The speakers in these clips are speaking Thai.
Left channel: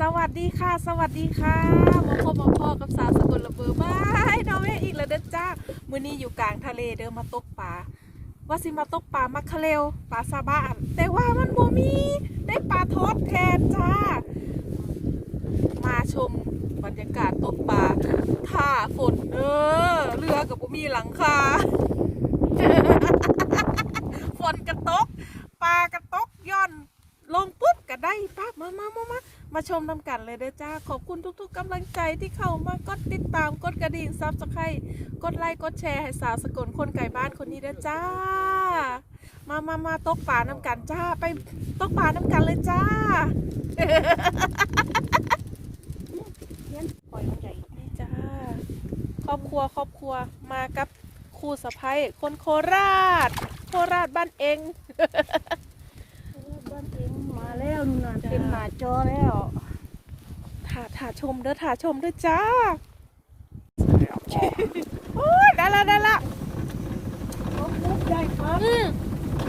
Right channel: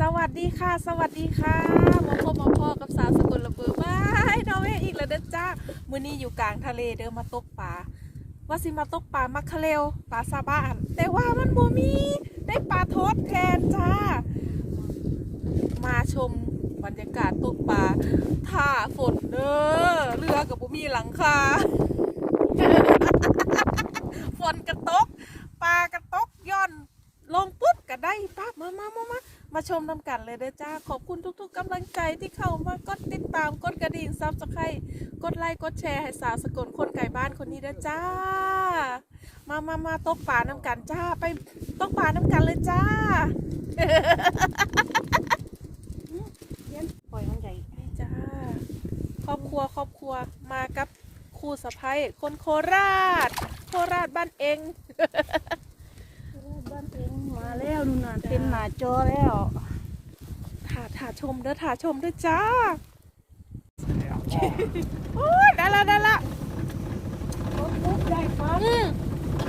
สวัสดีค่ะ สวัสดีค่ะมาพบมาพ่อกับสาวสกุลระเบิดบายน้องเออีกแล้วเด้อจ้ามื้อนี้อยู่กลางทะเลเด้อมาตกปลาว่าสิมาตกปลามักคะเลวปลาซาบ้าน แต่ว่ามันบ่มีได้ปลาทอดแทนจ้า มาชมบรรยากาศตกปลาท่าฝนเด้อเรือกับบ่มีหลังคาฝนกระตกปลากระตกย่อนลงปุ๊บก็ได้ปั๊บมามามามา มาชมนำกันเลยเด้อจ้า ขอบคุณทุกๆกำลังใจที่เข้ามากดติดตามกดกระดิ่งซับสไครต์กดไลค์กดแชร์ให้สาวสกลคนไก่บ้านคนนี้เด้อจ้า มามามาตกปลาน้ำกันจ้า ไปตกปลาน้ำกันเลยจ้าปล่อยมันใหญ่จ้า ครอบครัวครอบครัวมากับครูสะพ้ยคนโคราช โคราชบ้านเอง มาแล้วนู่นน่ะเต็มหน้าจอแล้วถ่าถ่าชมเด้อถ่าชมเด้อจ้าโอ้ยได้ละได้ละลูกใหญ่ครับอืม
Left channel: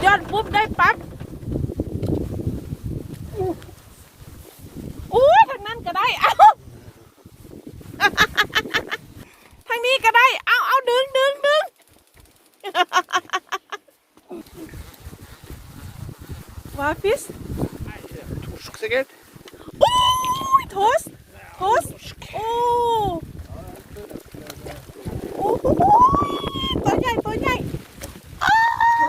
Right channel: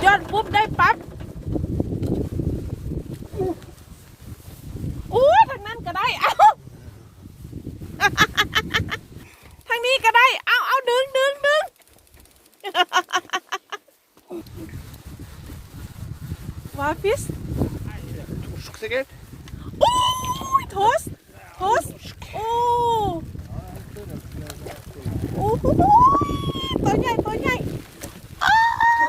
ย้อนปุ๊บได้ปั๊บอู้ทางนั้นก็ได้เอ้า ทางนี้ก็ได้ เอาเอาดึงดึงดึง วาฟิส Säkert. โอ้ยโทสโทสโอ้โอ้โหตัวใหญ่ตัวใหญ่อ้าว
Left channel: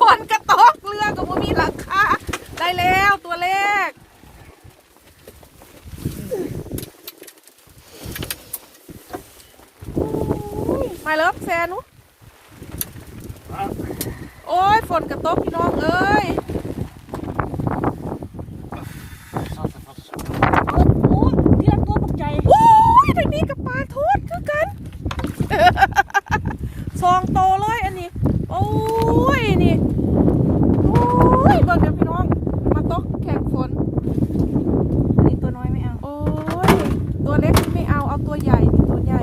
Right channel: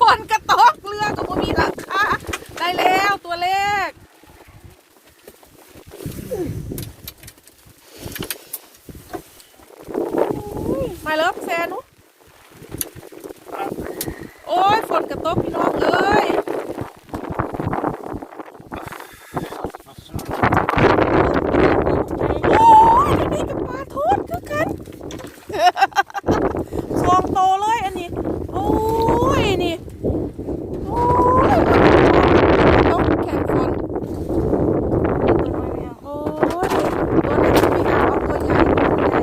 ฝนกระตกเรือกับบ่มีหลังคาได้แล้วตัวเลขมาเลิฟแซนุโอ้ยฝนกระตกพี่น้องเอ้ย โอ้ยอันนี้กับปลาทอดคือกัน ซองโตเลยอันนี้ โอ้ยนี่ โอ้ยปลาทอดต้องแข่งขัน ตัวน้อยไม่เอา โอ้ย ตัวเล็กไม่เอาเอาตัวใหญ่ตัวใหญ่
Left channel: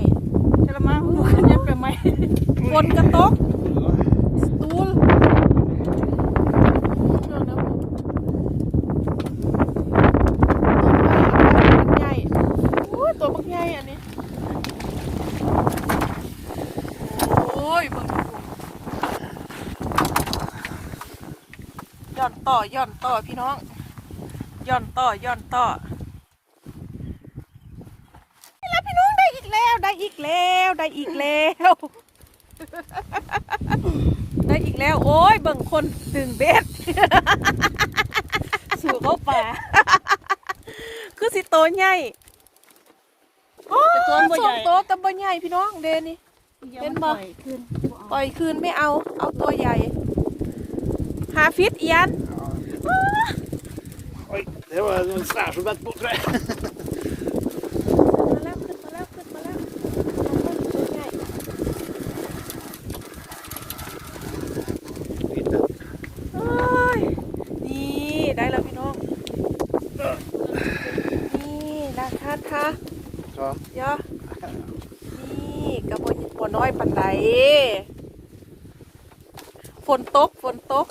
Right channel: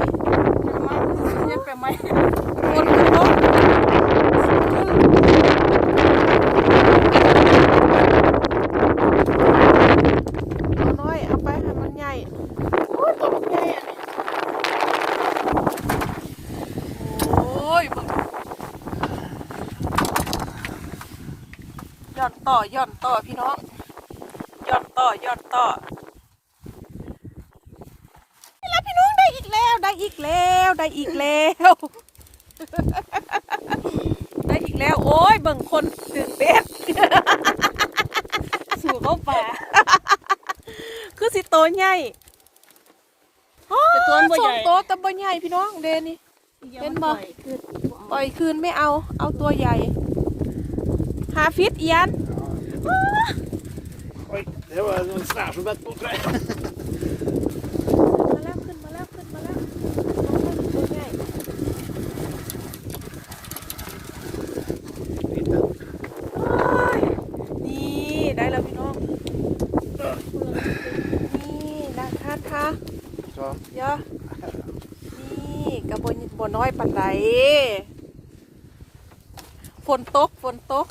กระมังมันเย็บไปไหม ฝนกระตกอืมใหญ่โอ้ยตัวมันใหญ่อันนี้ โอ้ยมึง ย่อนต่อย่อนต่อพี่น้องย่อนต่อย่อนต่อแล้วพี่น้องได้อีกแล้วได้อีกแล้วได้อีกแล้วได้อีกแล้ว โอ้ยเบิ่งคนดึงเบ็ดสู่เข้าป่าคือสิโตใหญ่โอ้แต่ตัวมันบ่สใหอญ่งโตแต่บ่ใหญ่พี่น้องเดนี่เห็นบ่ขึ้นปล่อยคืนไม่เอา เอาตัวใหญ่หาฟิตเอียน Oj, det var en sværsvett på mig. มาแล้วขึ้นมาแล้วขึ้นมาแล้วเอาให้มันตัวใหญ่ โอ้ย นี่ได้แล้วพี่น้อง นี่นะคะท่า Så. เดี๋ยนี่กระบวนบัวน้อยปันไดฝนตกฝนตก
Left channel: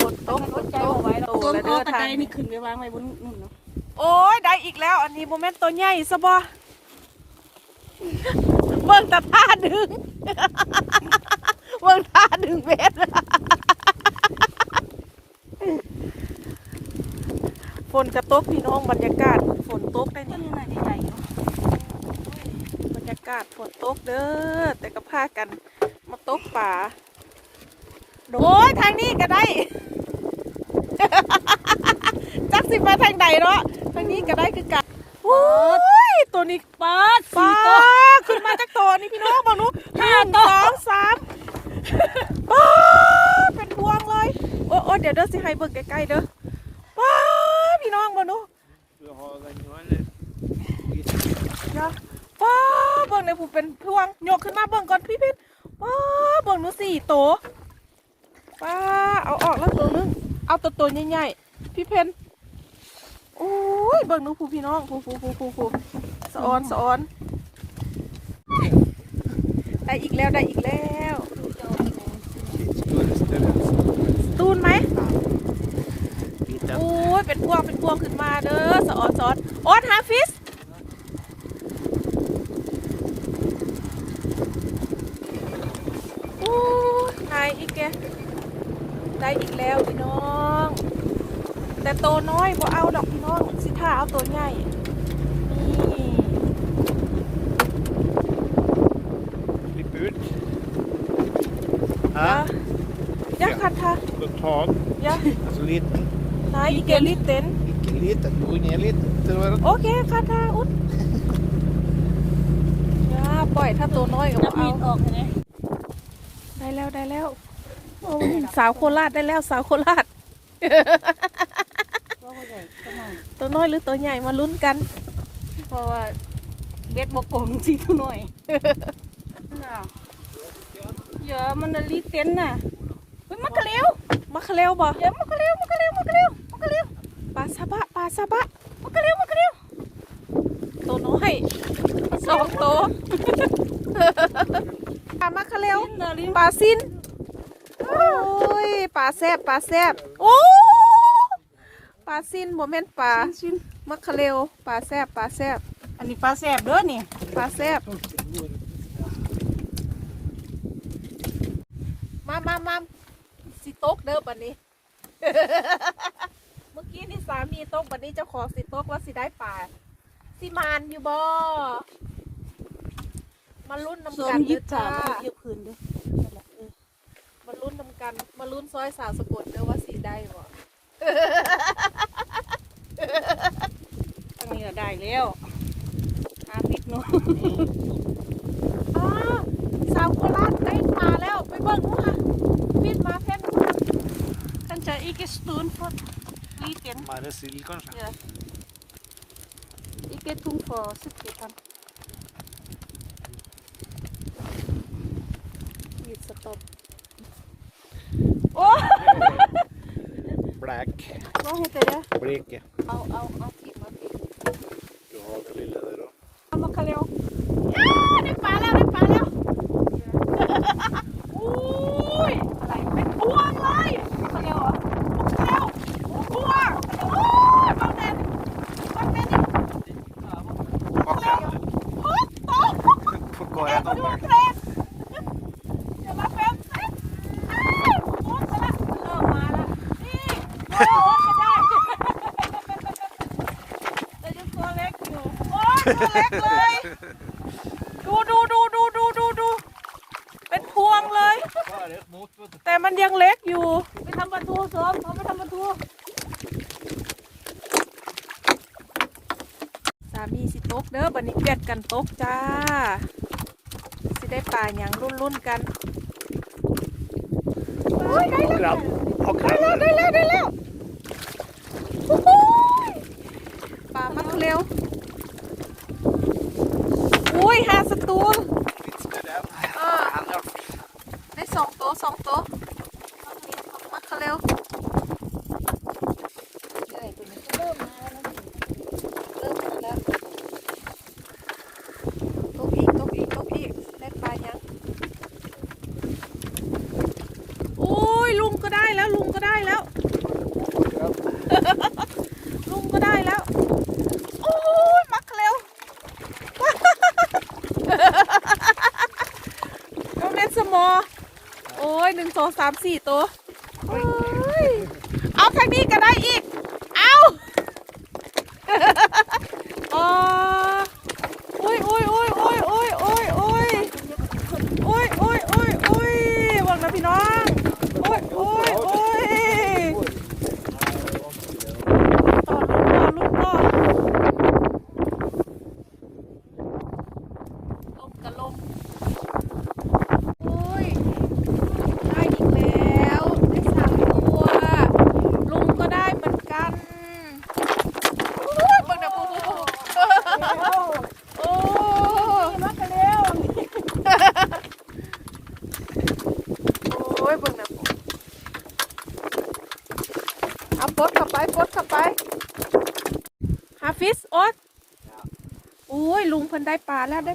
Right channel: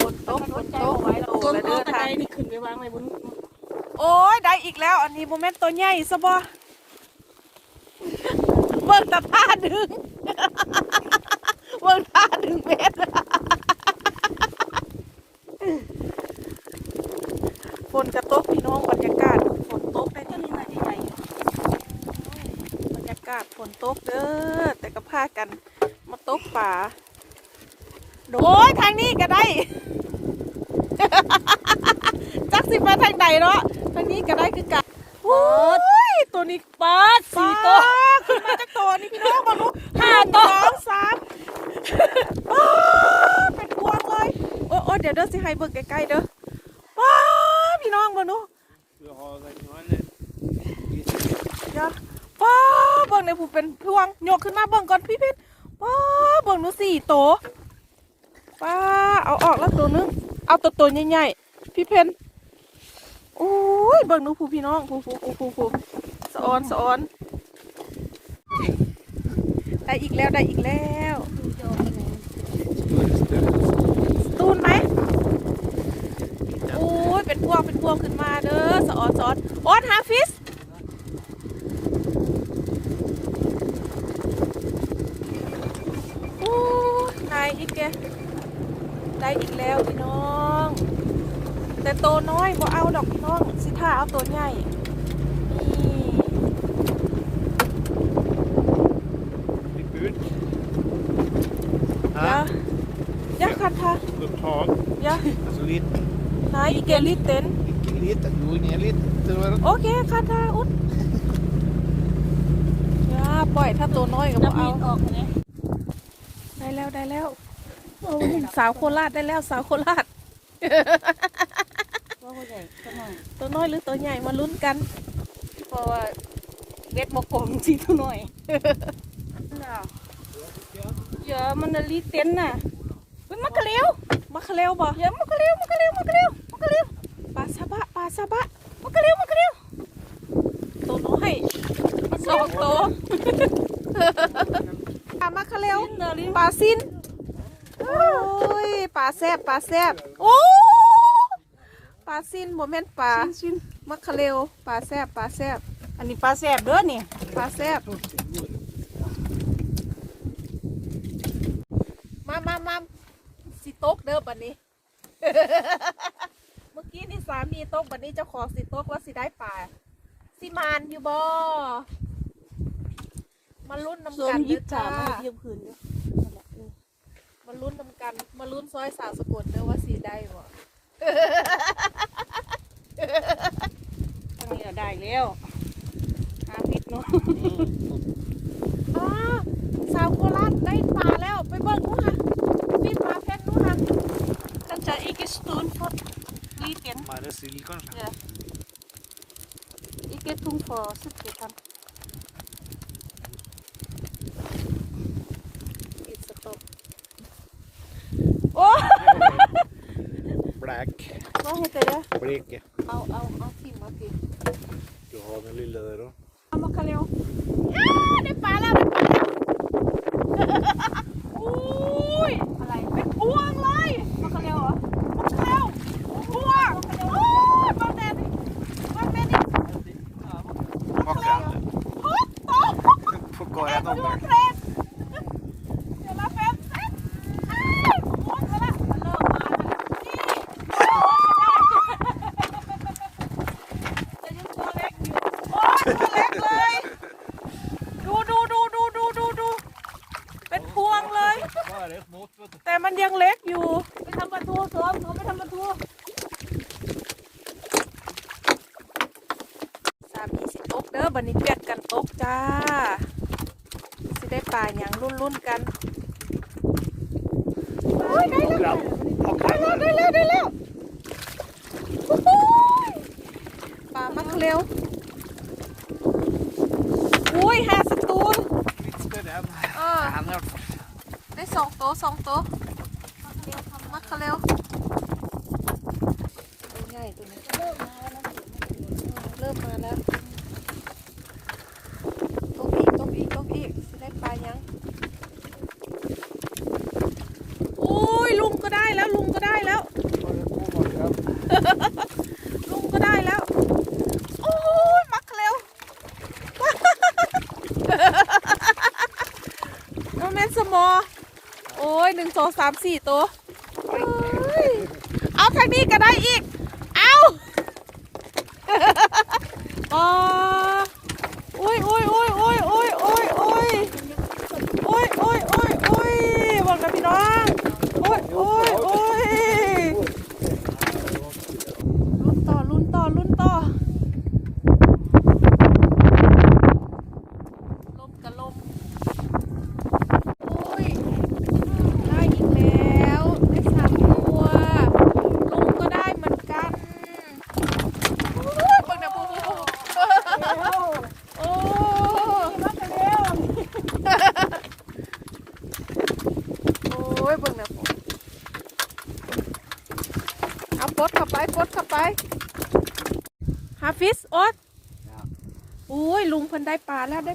ฝนตกฝนตกโต้นเด้อตะทางไคร้นี่ขึ้นไปวางไว้บนนู่นเหรอโอ้ยได้อีกแล้ว อันนี้โมเมนต์ตัวใหญ่ซะบ่เบิ่งตาท่าดึงเบิ่งท่าดึงเบ็ดฝนจะตกพี่น้องบรรยากาศฝนตกได้ต้นนี้น่าจะใหญ่บรรยากาศฝนตกเด้อแต่ก็พากันมาตกป่าโอ้ยทางนี้ก็ได้ จักสิมาทางใดเนาะทางนี้ก็ได้คือกันโอ้ยตัวนี้ปลาปลาสี่ตัวขึ้นมาจากตัวนี่พี่น้องบอนุหนึ่งสองสามอ้าวเป็นพวงเลยโอ้โอ้เดี๋ยวเด้อสิให้เบิ่งใกล้ๆเด้อว้าพี่น้องบอนุ Du har väl någon เดี๋ยวว้าเบิ่งในผู้เป็นพวงโยกขึ้นมาเบิ่งก่อนพี่พิษว้าเบิ่งหนูสี่โตวว้าเอาออกแล้วตัวนึง เอาตัวตัวใหญ่ๆพี่เพนอุ้ยเบิ่งนูผู้พี่น้องผู้ผู้ผู้ผู้ผู้สะออนสะออนได้อีกแล้วได้อีกแล้ว ตูนไหมโอ้ยเป็นพวงเป็นพวงขึ้นมาเด้อสะออนสอนออนหาฟิสโอ้ยนายอีกแก ได้อีกแล้วพี่น้อง แต่โตวน้อยบ่เอาดอกพี่น้อง สิท่าเอาตัวใหญ่นี่ Klipp ut. ยะ Här. ยะคันทา Med tag. ยะ Så liten. นายอีกแกลิเต็น Ikke liten. Gå ner lite. Det var โอเคคันทาอุดยาปล่อยถ้าตัวน้อยก็นับ่บมีเอาดออกเห็นไหมได้แล้วได้แล้วโอ้ สาวโคราชได้แล้วสาวโคราชว่าผู้ใหญ่ก็มันตัวน้อยหรือตัวใหญ่มาลุ้นกัน เพราะว่าเบ็ดบกผมสิเท่าหน่อยน่ะเยอะมันน่ะรีเต้นน่ะเฮ้ยมันกระเลี้ยวมาคาเร็วบ่เยอะมันกระเลี้ยวมันกระเลี้ยวมันกระเลี้ยวมันกระเลี้ยวปลาซาบะปลาซาบะมันกระเลี้ยวมันกระเลี้ยวตัวน้อยสองตัวปลามาคาเร็วเนาะลิ้นปลาซินโอ้ยปลาแซบปลาแซบโอ้ปลาซินโมเมนต์ปลาชิ้นมะคาเร็วปลาแซบปลาแซบอันนี้ปลาแสบเด้อนี่ปลาแซบมามามาสิตกเด้อบัดนี้ เมื่อกี้นี่สามีตกบัดนี้เจ้าของสิตกว่าสิได้ปลาสิมานอยู่บ่มาลุ้นสน้ำวกัมนยิเด้บอจา มาลุ้นนำกัน มาลุ้นซอยสาวสะกดเด้อว่าสีได้บ่ทางนี้ก็ได้แล้วอาทิตย์นู้นสาวโคราชได้ปาแล้ว ไปเบิ่งว่าพี่ปาเฟ้นกันจะอีกสตูนทดลีเกนมาได้ซิลิอนสักอีกทุ่งฟอสิดเกี่ยวกัน back. Vad heter det? Bleke. Ja, ja, ja, Timothy. Du har den lilla där då. Vad kallar jag? Ja, det faller, det faller! Oj! Åh, nej! พวกกอแล้วต้อง หยังรุ่นรุ่นๆกัน สามสี่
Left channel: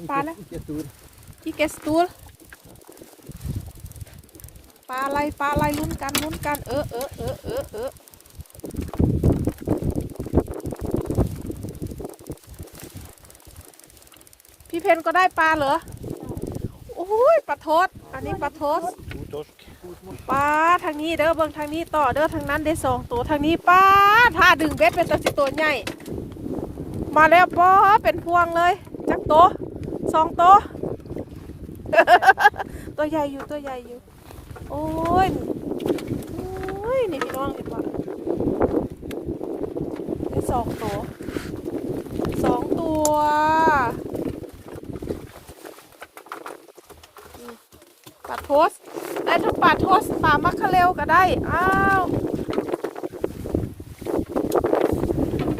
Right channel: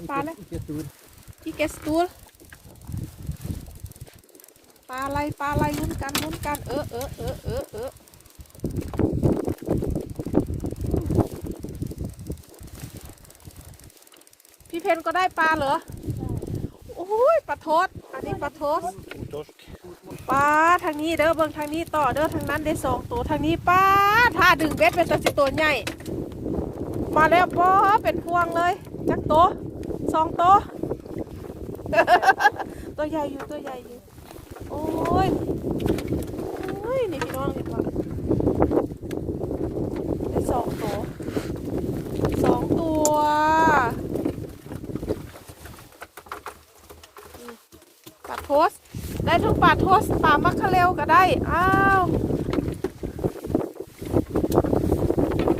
ปลานะพี่เกสตูลปลาอะไรปลาอะไรลุ้นกันลุ้นกันเออเออเออเออเออพี่เพนก็ได้ปลาเหรอโอ้ยปลาทอดอันนี้ปลาทอปลาทางนี้เด้อเบิ่งทางนี้ต่อเด้อทางนั้นเด้สองตัวทางนี้ปลาถ้าดึงเบ็ดเป็นตัวสิตัวใหญ่มาแล้วปอเป็นพวงเลยจักโต สองโตวตัวใหญ่อยู่ตัวใหญ่อยู่ โอ้ย โอ้ย นี่น้องนี่ปะสองตัวสองตัวปลาโทสได้ทั้งปลาโทสปลามัคคาเรลก็ได้ อ้าว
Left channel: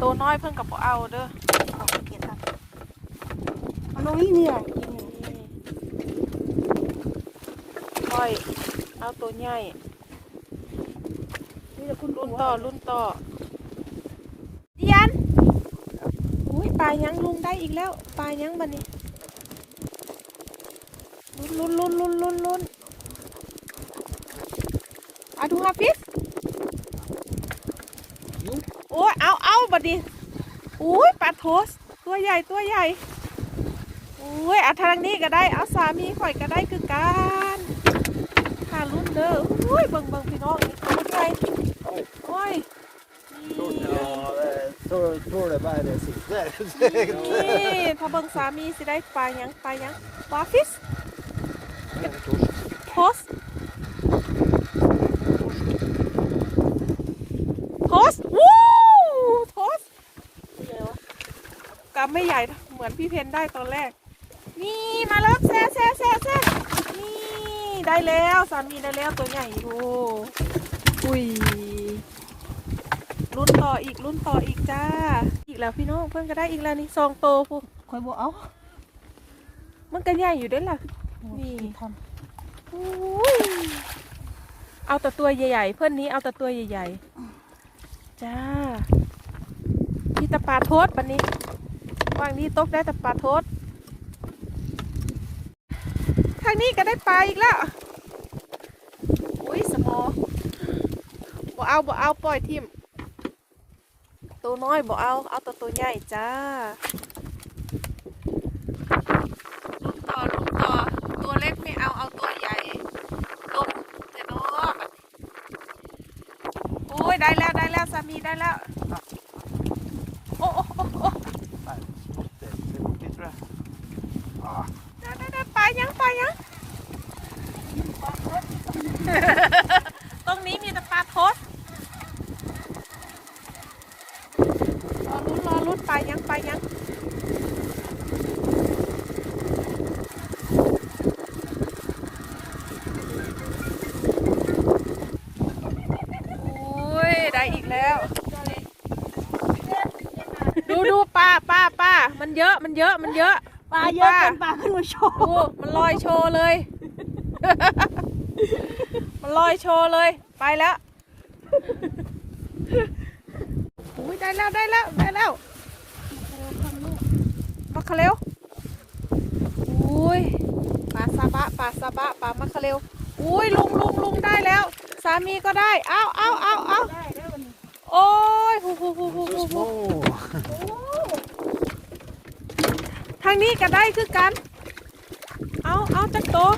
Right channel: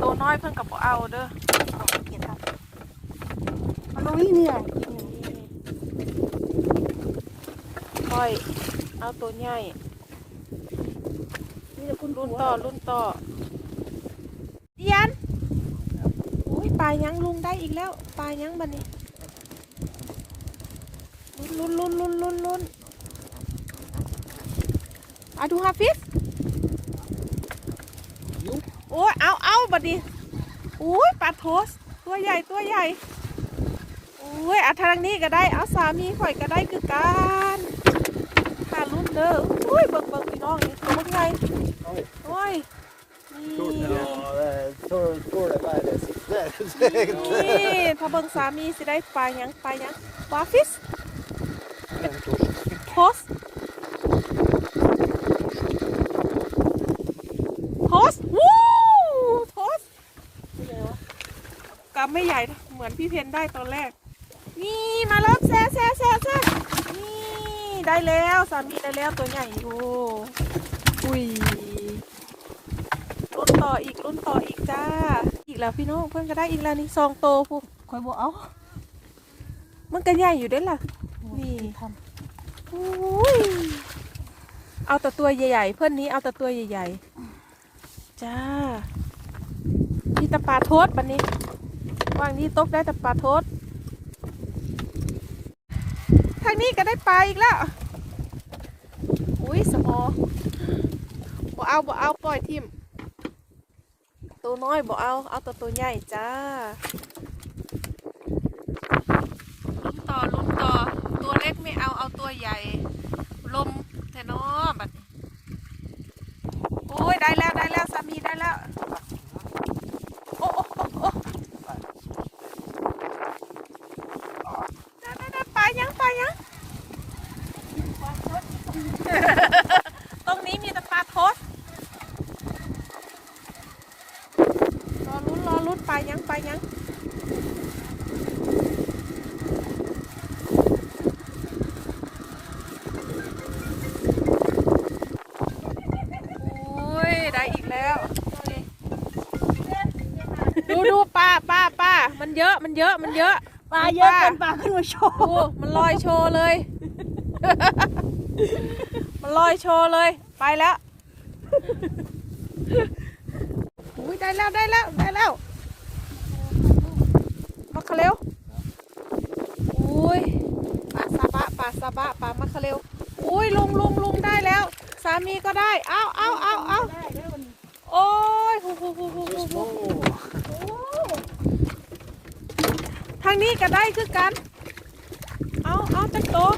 ตัวน้อยเพิ่งกับเอาเด้อเอาไปเก็บเอา เอาลงนี่เนี่ยค่อย เอาตัวใหญ่นี่จะคุณรุ่นต่อรุ่นต่อเดียนอุ้ยปลายังลุงได้อีกแล้ว ปลายังบันนี้ลุ้นลุ้นลุ้นลุ้นลุ้นลุ้นอะดูฮาฟิฟโอ้ยเอาเอาบัดนี้อุ้ยปลาโทสตัวใหญ่ตัวใหญ่โอุ้ยเอาทางนี้ก็ได้เอาสามีข่อยก็ได้คือกันปลาลุ้นเด้ออุ้ยเบิ่งเบิ่งพี่น้องนี่ตัวใหญ่ Oj. โอ้ยนี่ Ja, tror, tror det bara är så där. นี่ถ้าเบิ่งสามีสิได้ปลาหยังปลาหยังปลาฟิสโทสโทสวู้โทสกำไม่ใหญ่เหมือนพี่เพนได้ตอนแรก นี่มาแล้วแซ่แซ่แซ่แซ่นี่ได้แล้วสามีได้แล้วตัวใหญ่อยู่อุ้ยรุ่นต่ออีกรุ่นต่ออีกจ้า อีกแล้วพี่น้องเพื่อนก็ได้อีกแล้วนี่ซองโตพูคอยบอกเอามันก็ใหญ่อยู่เด้ล่ะนี่ทอุ้ยเอาแต่ตัวใหญ่ๆเพื่อนนี้เอาแต่ตัวใหญ่ๆจ้าพี่ตะปาโทษบันนี้วางนี้ตกได้แต่ปลาโทษ ทางนี้ก็ได้ปลาอีกแล้ว อุ้ยสมอบ่เอาบ่เอาปล่อยทิมตัวน้อยบ่เอา เอาแต่ตัวใหญ่จ้าลมต่อลุมต่อ ตัวเล็กไม่เอา เอาตัวใหญ่ลมเถอเนาะแบบนี้โอ้ยได้แล้วได้แล้วสามีได้แล้วโอ้โอ้โอ้โอ้ได้ได้ไปยังไปยัง ตรงนี้มีแต่ปลาทดรอลุ้นรอลุ้นปลายังปลายัง โอ้ย ได้อีกแล้ว ดูดูปลาปลาปลามันเยอะมันเยอะมันเยอะำปลา เยอะเกินปลาขึ้นมาโชว์ ดูมันลอยโชว์เลย มันลอยโชว์เลย ไปแล้วอุ้ยได้แล้วได้แล้วได้แล้วมาคาเร็วอุ้ยปลาซาบะปลาซาบะปลามาคาเร็วอุ้ยลุงลุงลุงได้แล้ว สามีก็ได้ เอาเอาเอาเอาได้แล้ววันนี้ โอ้ยหูหูหูหูหูหู Små. ทางนี้ก็ได้คือกัน เอาเอาจักโตว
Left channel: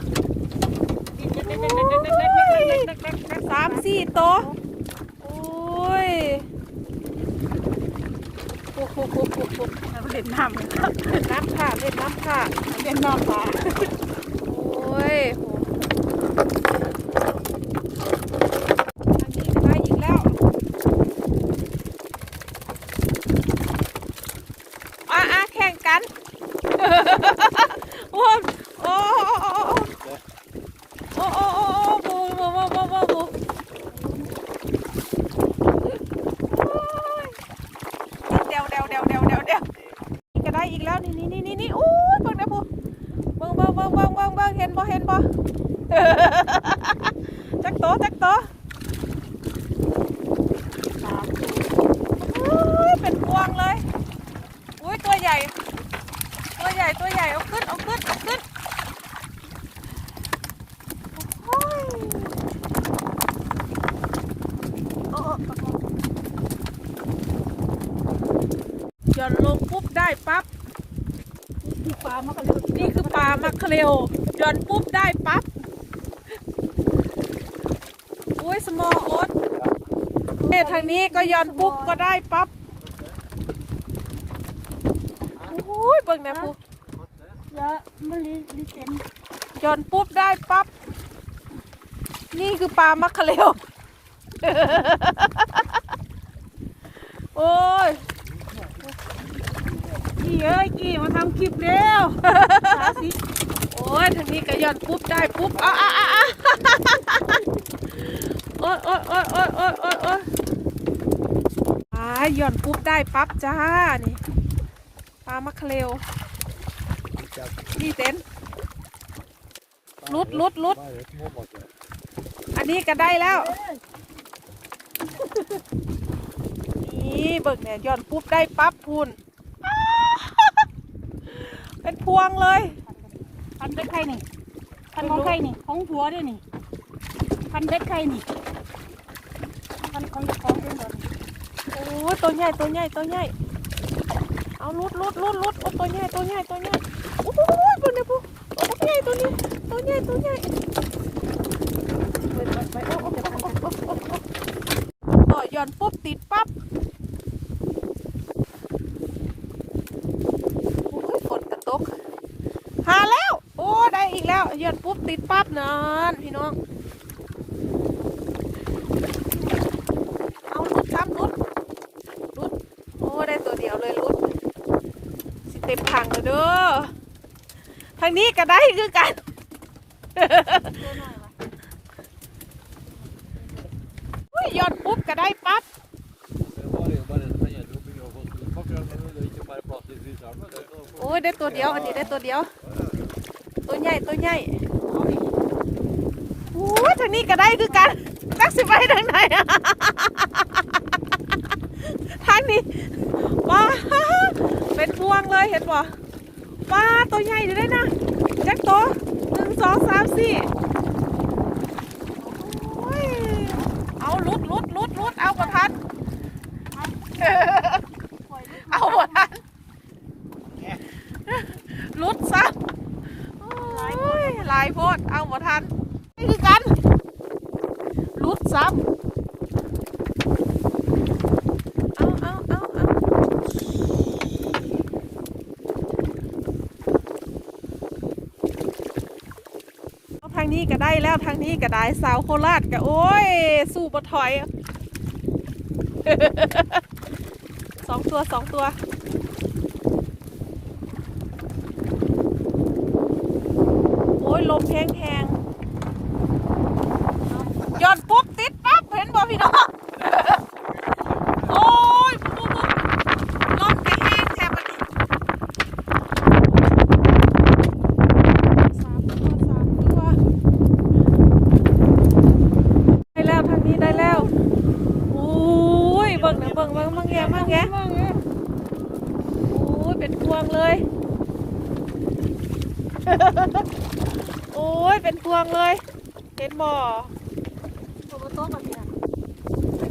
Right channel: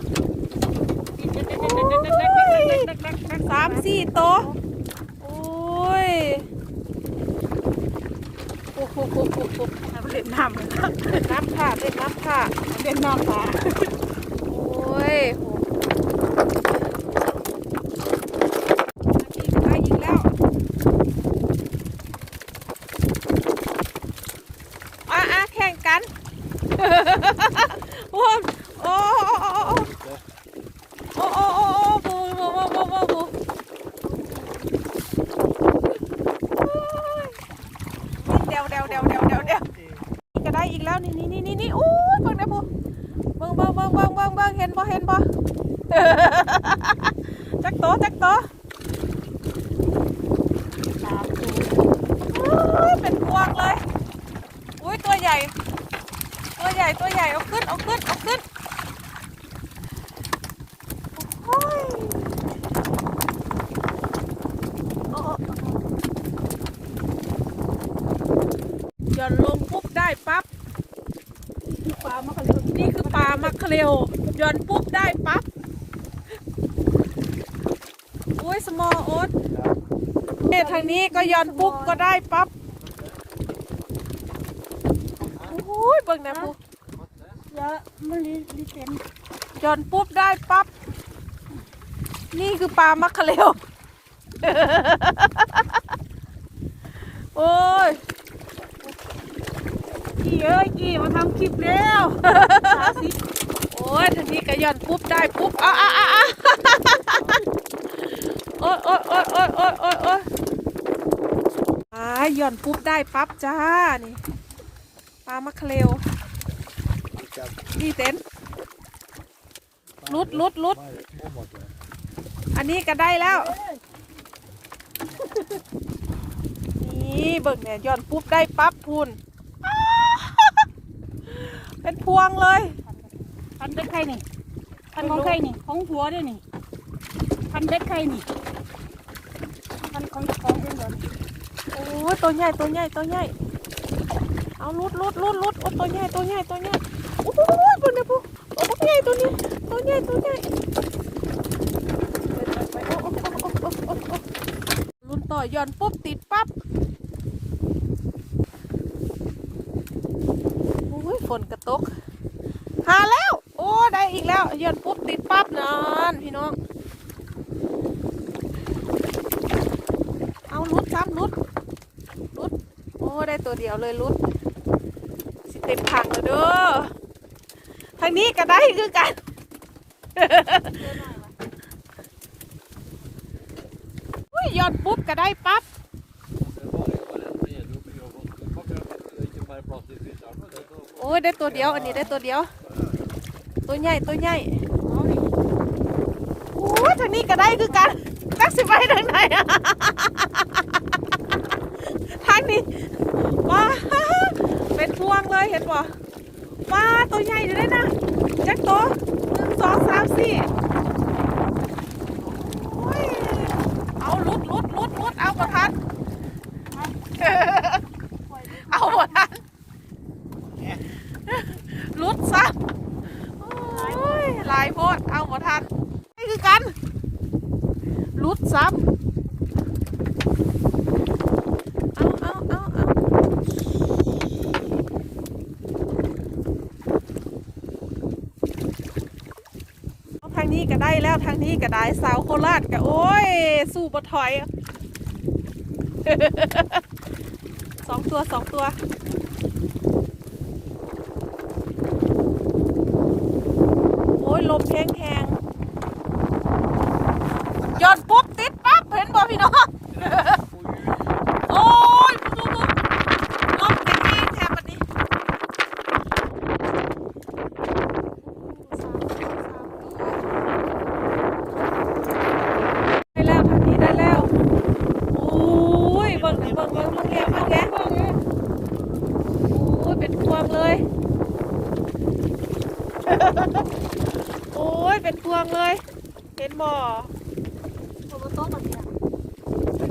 สามสี่โตวโอ้ยโอ้โหโหโหโหเล่นน้ำน้ำค่ะเล่นน้ำค่ะเล่นน้ำปล 哈哈哈哈哈我我 ปุ๊บได้ปั๊บคือปลามากันเลยนี่คือปลามักเคเรลหย่อนปุ๊บได้ปั๊บอุ้ยสมอโอ๊ตเอ๊ะทางนี้ก็หย่อนปุ๊บก็ได้ปั๊บอุ้ยเบิ่งนะปุ๊เยอะมันลิลิเต็นหย่อนปุ๊บได้ปั๊บนี่คือปลามักเคเรลโอ้ย กี่เอ้ยกี่มาทำคลิปเร็วโอ้ยทานี้ก็หย่อนปุ๊บได้ปุ๊บอ้าอ้าอ้าอ้าโอ้ยโอ้ยโอ้ยโอ้ยโอ้ยโอ้ยโอ้ยอ่าย่อนปุ๊บได้ปั๊บจ้านี่ปลามักเคเรลนี่เต็นลุดลุดลุดอันนี้ก็ได้แล้ว นี่เบิ่งเนี่ยย่อนปุ๊บได้ปั๊บพูน เป็นพวงเลยพันเบ็ดไข่นี่พันของไข่นี่ของหัวด้วยนี่พันเบ็ดไข่นี่พันของของเองเหรอโอ้ยตัวใหญ่ตัวใหญ่ตัวใหญ่เอาลุดลุดลุดลุดโอ้ตัวใหญ่ตัวใหญ่ตัวใหญ่โอ้โหตัวนี้ปุ๊โอ้ตัวใหญ่ตัวนี้ตัวใหญ่ตัวใหญ่ไปไปไปโอ้โอ้โอ้โอ้โอ้โอ้โอ้ต่อหย่อนปุ๊บติดปั๊บโอ้ยฝนกระ ตกหาแล้ว โอ้ได้อีกแล้วหย่อนปุ๊บติดปั๊บนานพี่น้อง เอาลุดซ้ำลุดลุดโอ้ได้ตัวเดียวเลยลุดสิเต็มถังเลยเด้อทางนี้ก็ได้คือกันอุ้ยหยอดปุ๊บก็ได้ปั๊บโอ้ย ได้ตัวเดียว อันนี้ได้ตัวเดียว ตัวใหญ่ตัวใหญ่โอ้ทางนี้ก็ได้คือกันนักสิไปทางไหนทางนี้ว้าเป็นพวงเลยเห็นป่ะว้าตัวใหญ่อยู่ได้นะแจ็คตัวหนึ่งสองสามสี่โอ้ยเอาลุดลุดลุดลุดเอาประทัน เอาประทัน ลุดซะโอ้ยหลายโพดเอาประทันนี่คือกันลุดซ้ำเอาเอาเอาเอาเอาทางนี้ก็ได้แล้วทางนี้ก็ได้สาวโคราชก็โอ้ย สู้บถอยสองตัวสองตัว โอ้ย ลมแห้งแทงๆย้อนปุ๊บ ติดปั๊บเห็นบ่พี่น้อง โอ้ยปุ๊บปุ๊บรถไปแห้งแทบอันนี้สามตัวสามตัวได้แล้วทางนี้ได้แล้วโอ้ยเบิ่งนะเบิ่งเบิ่งมั่งแกมั่งแกโอ้ยเป็นพวงเลย โอ้ยเป็นพวงเลย เห็นบ่อ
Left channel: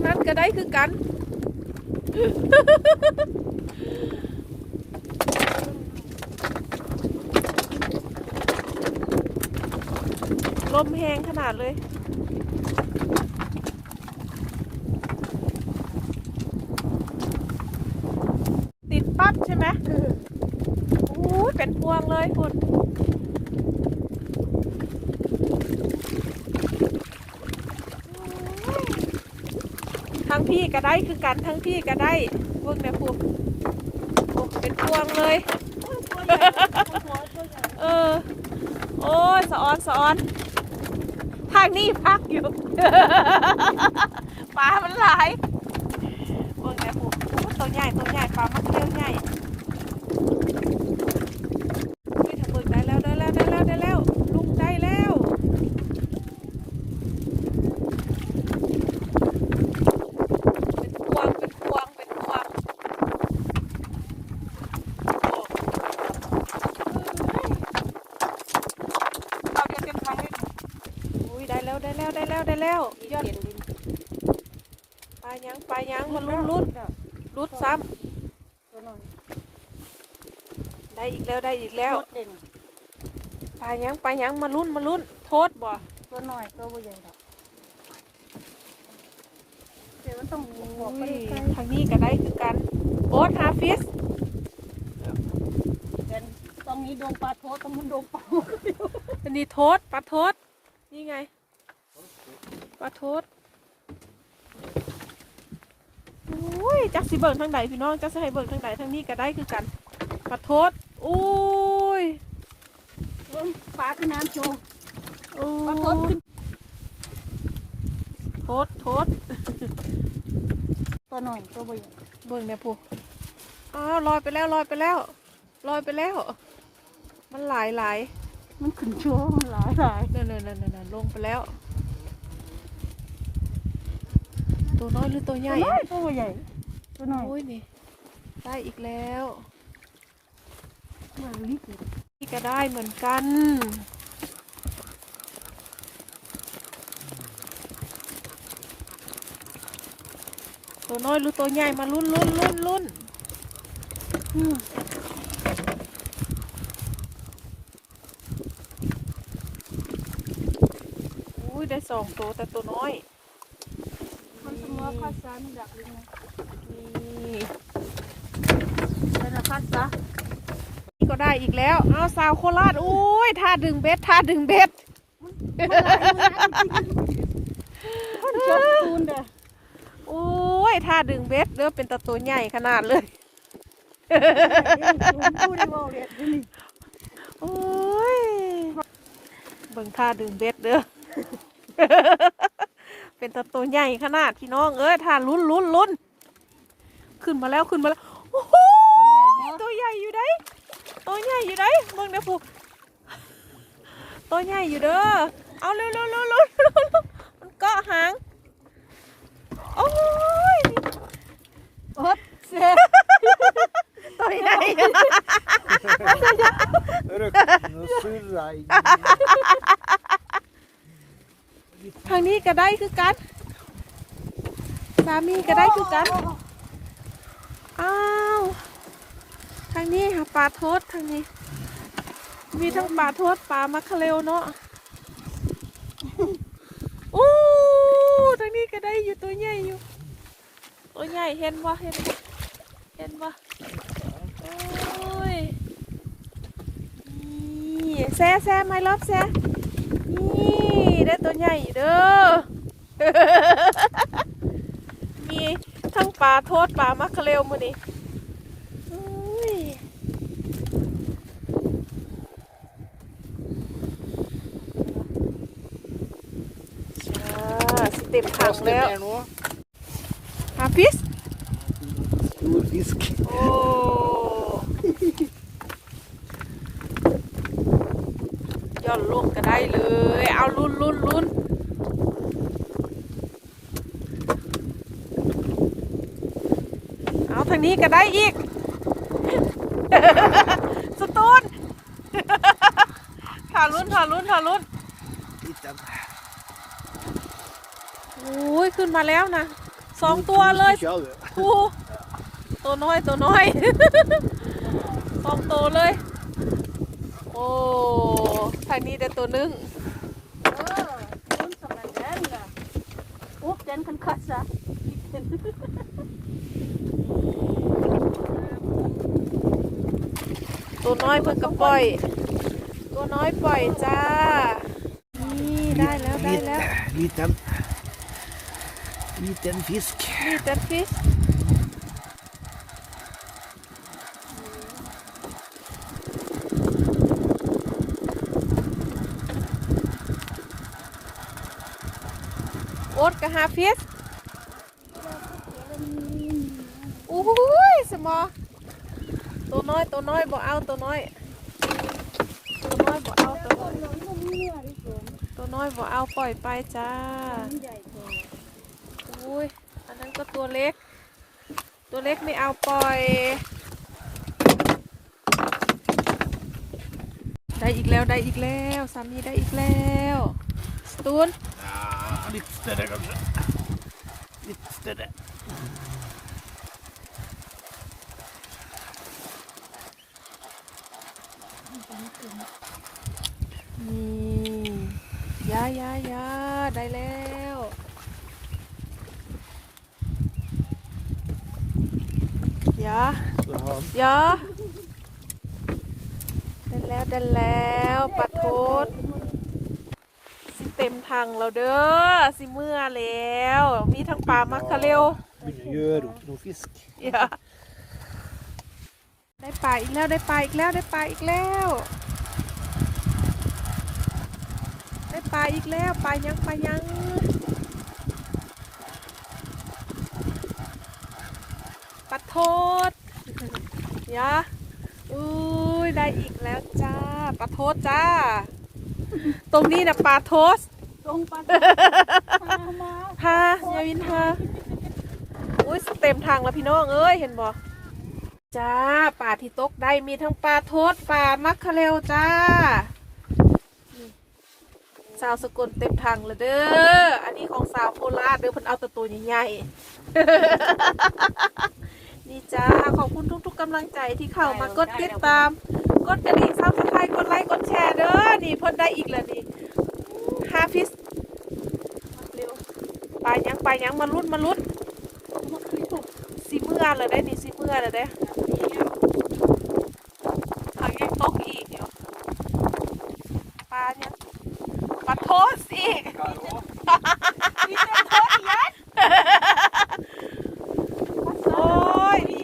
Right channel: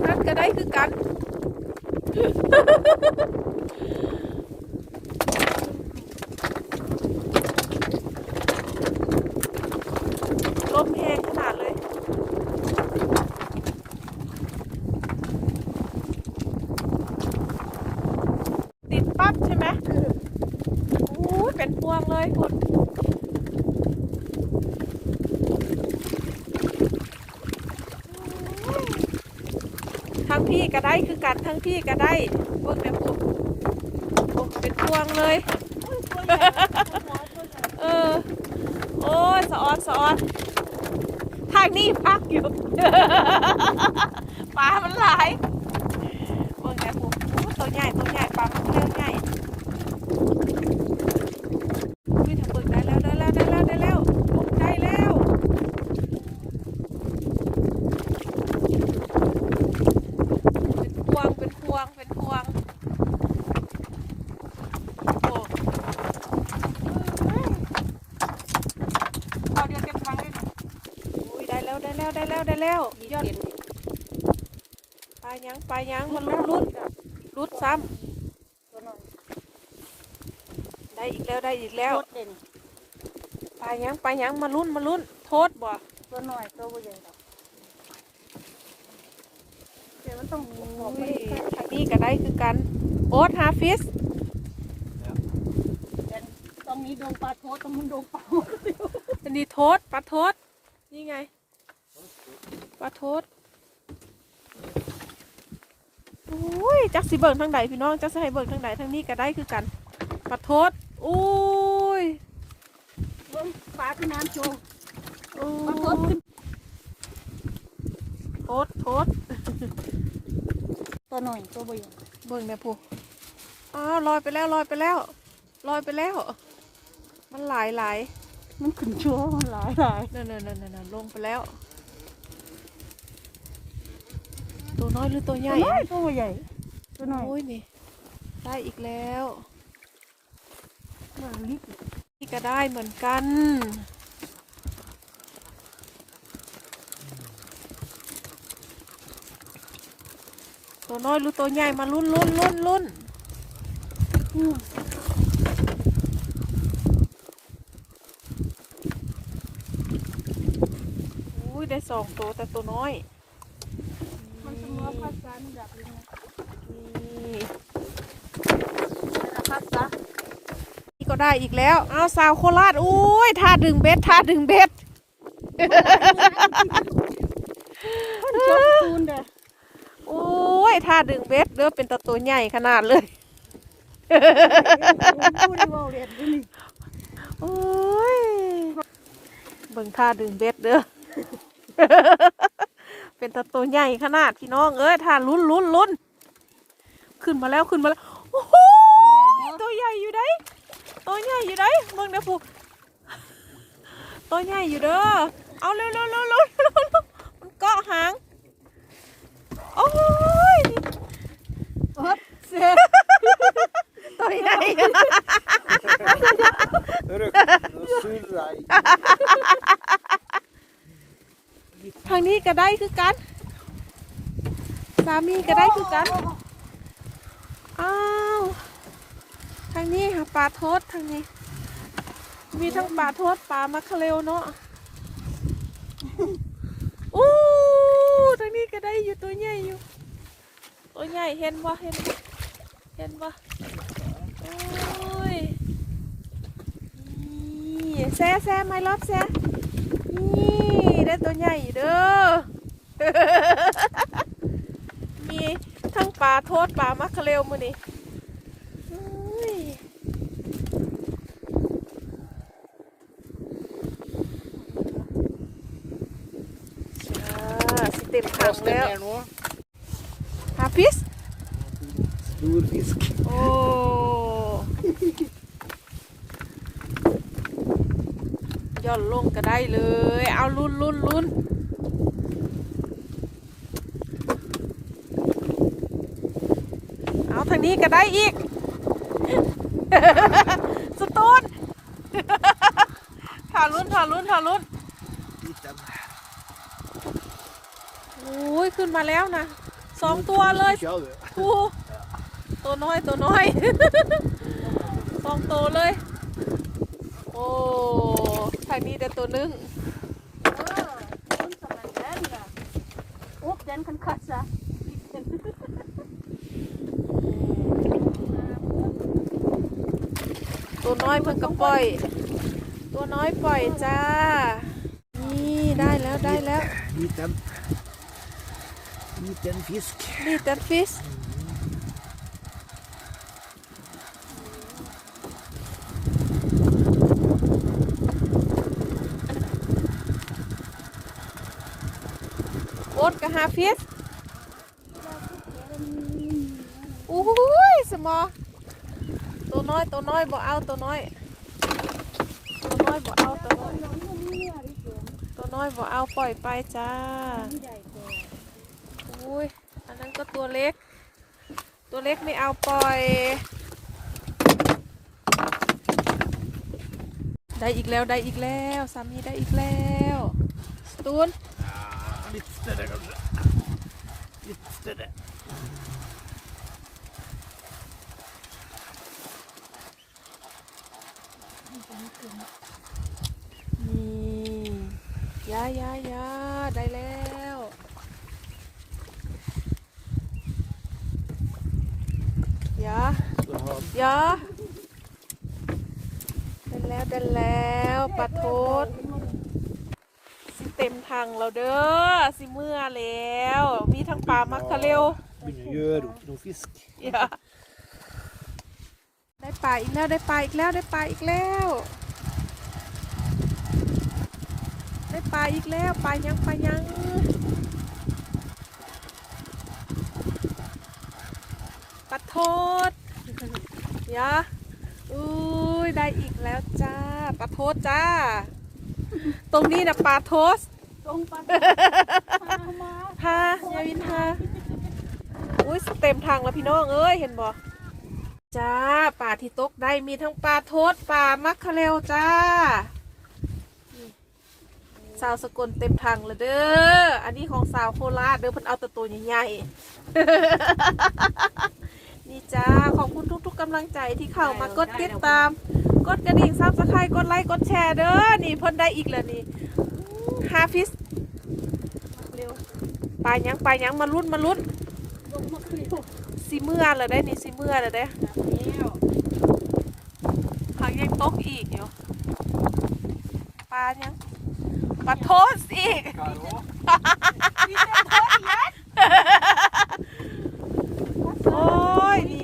นั้นก็ได้คือกันลมแหงขนาดเลย ติดปั๊บใช่ไหมโอ้ยเป็นพวงเลยคุณโอ้ยทั้งพี่ ก็ได้คือกันทั้งพี่ก็ได้พวกเนี่พวกโอ้เป็นพวงเลย เออ โอ้ยสะออนสะออนทางนี้พักอยู่ปลามันหลายว่าไงพวกตัวใหญ่ตัวใหญ่ปลามันเริ่มใหญ่อุ้ยทำเบิกได้แล้วได้แล้วได้แล้วได้แล้วลุกได้แล้ว เป็นพวงเป็นพวงเป็นพวงโอ้ เอาเดี๋ยวเต็มถังเลย อุ้ยได้แล้วได้แล้วได้แล้วได้แล้วยอดปลายังปลายังมันรุดรุดรุดซ้ำ ได้อีกแล้วได้อีกแล้วโคตรเด่นปลายังปลายังมาลุ้นมาลุ้น โทษบ่ตัวหน่อยตัวใหญ่ดอกเดี๋ยวมันต้องมีขอบมันนี่มีข้างทางนี้ก็ได้คือกัน โอ๊ตหาฟิสเป็นต้องมีดวงปลาโทต้องมีดวงปลาอันนี้โทษปลาโทษนี่ไงปลาโทษอุ้ยจักสิเบิ่งทางใดพี่น้องจักสิให้เบิ่งทางใดทางนี้ก็ได้คือกันปลาโทษ อุ้ยเบิ่งปลาที่น้ำจูโอ้ปลาโทขึ้นโทษโทษตัวหน่อยตัวใหญ่เบิ่งเนี่ยพูอ้าวลอยไปแล้วลอยไปแล้วลอยไปแล้ว มันหลายหลายมันขึ้นช่วงหลายหลายนั่นนั่นนั่นนั่นลงไปแล้ว ตัวน้อยหรือตัวใหญ่ตัวใหญ่ตัวหน่อยโอ้ยนี่ได้อีกแล้วตัวลิบเลย นี่ก็ได้เหมือนกัน ตัวน้อยหรือตัวใหญ่มาลุ้นลุ้นลุ้นลุ้นอืมอุ้ยได้สองตัวแต่ตัวน้อย มันต้องรอภาษามันอยากเรียนนี่ แต่ภาษา นี่ ก็ได้อีกแล้วอ้าวสาวโคราชอุ้ยท่าดึงเบ็ดท่าดึงเบ็ดคนชอบตูนเด้อโอ้ยท่าดึงเบ็ดเด้อเป็นตะตัวใหญ่ขนาดเลยตูนว่าเรียนนี่โอ้ยเบิ่งท่าดึงเบ็ดเด้อเป็นตะตัวใหญ่ขนาดพี่น้องเอ้ยท่าลุ้นลุ้นลุ้นขึ้นมาแล้วขึ้นมาแล้วโอ้โหตัวใหญ่อยู่ได้ ตัวใหญ่อยู่ได้เบิ่งเด้อผูตัวใหญ่อยู่เด้อเอาเร็วเร็วเร็วเร็วเร็วเร็วมันเกาะหางโอ้ยโอ๊ตเสียตัวใหญ่ Hörru, nu surrar i. ทางนี้ก็ได้คือกันสามีก็ได้คือกันอ้าว ทางนี้หาปลาโทษทางนี้ มีทั้งปลาโทษปลามัคเคเรลเนาะอู้ทางนี้ก็ได้อยู่ตัวใหญ่อยู่ ตัวใหญ่เห็นบ่เห็นบ่เห็นบ่โอ้ยนี่แซ่แซ่ไม่รับแซ่นี่ได้ตัวใหญ่เด้อมีทั้งปลาโทษปลามัคเคเรลมือนี่อุ้ยอ่าสิเต็มถัง Fast แล้ว där nu. หาฟิส Stor fisk. โอ้ย่อนลงก็ได้เลย เอาลุ้นลุ้นลุ้นเอาทางนี้ก็ได้อีก สตูนถ่าลุ้นถ่าลุ้นถ่าลุ้น Titta. โอ้ยขึ้นมาแล้วนะสองตัวเลย Kör vi. ทูตัวน้อยตัวน้อยสองตัวเลย โอ้ทางนี้ได้ตัวหนึงเออมันสมัยนั้นน่ะอุ๊บเจนคันคัดซะตัวน้อยเพิ่งกระปล่อย ตัวน้อยปล่อยจ้า นี่ได้แล้วได้แล้ว Liten. Liten fisk. นี่แต่ Liten fisk. Liten fisk. What can have fish? អូយសមតូន້ອຍតូន້ອຍបើអោតូន້ອຍតូន້ອຍបើអោតូន້ອຍតូន້ອຍបើអោប៉យប៉ៃចា ก็ตัวเล็ก ตัวเล็กไม่เอาปล่อย ได้อีกแล้วได้อีกแล้วสามีได้อีกแล้วสตูน Lite större kanske. Lite större. อนี่ยายายาได้แล้วยา Ja, ยาได้แล้วได้แล้วปลาโทษสิเต็มทางเราเด้อสิเมื่อแล้ว มีทั้งปลามักคะเร็ว begynner å gjøre opp noe fisk. อย่าได้ปลาอีกแล้วได้ปลาอีกแล้วได้ปลาอีกแล้ว ได้ปลาอีกแล้วปลายังปลายังปลาโทษ ยะอุ้ยได้อีกแล้วจ้าปลาโทษจ้า ตรงนี้นะปลาโทษตรงปันฮะยายวินฮะอุ้ยเต็มทางแล้วพี่น้องเอ้ยเห็นบ่จ้าป่าที่ตกได้มีทั้งปลาโทษปลามักคะเร็วจ้านี่สาวสกลเต็มทางแล้วเด้อ อันนี้ของสาวโคราชเด้อเพิ่นเอาแต่ตัวใหญ่ๆ นี่จ้า ขอบคุณทุก ๆกำลังใจที่เข้ามากดติดตาม กดกระดิ่งซับสไครต์กดไลค์ กดแชร์เด้อ นี่เพิ่นได้อีกแล้วนี่ฮาฟิสเร็วไปยังไปยังมาลุ้นมาลุ้นสีเมื่อเลยได้นี่สีเมื่อเลยได้ทางยังตกอีกอยู่ปลาเนี่ยปลาโทษอีกมีแต่โทษยัด Давай,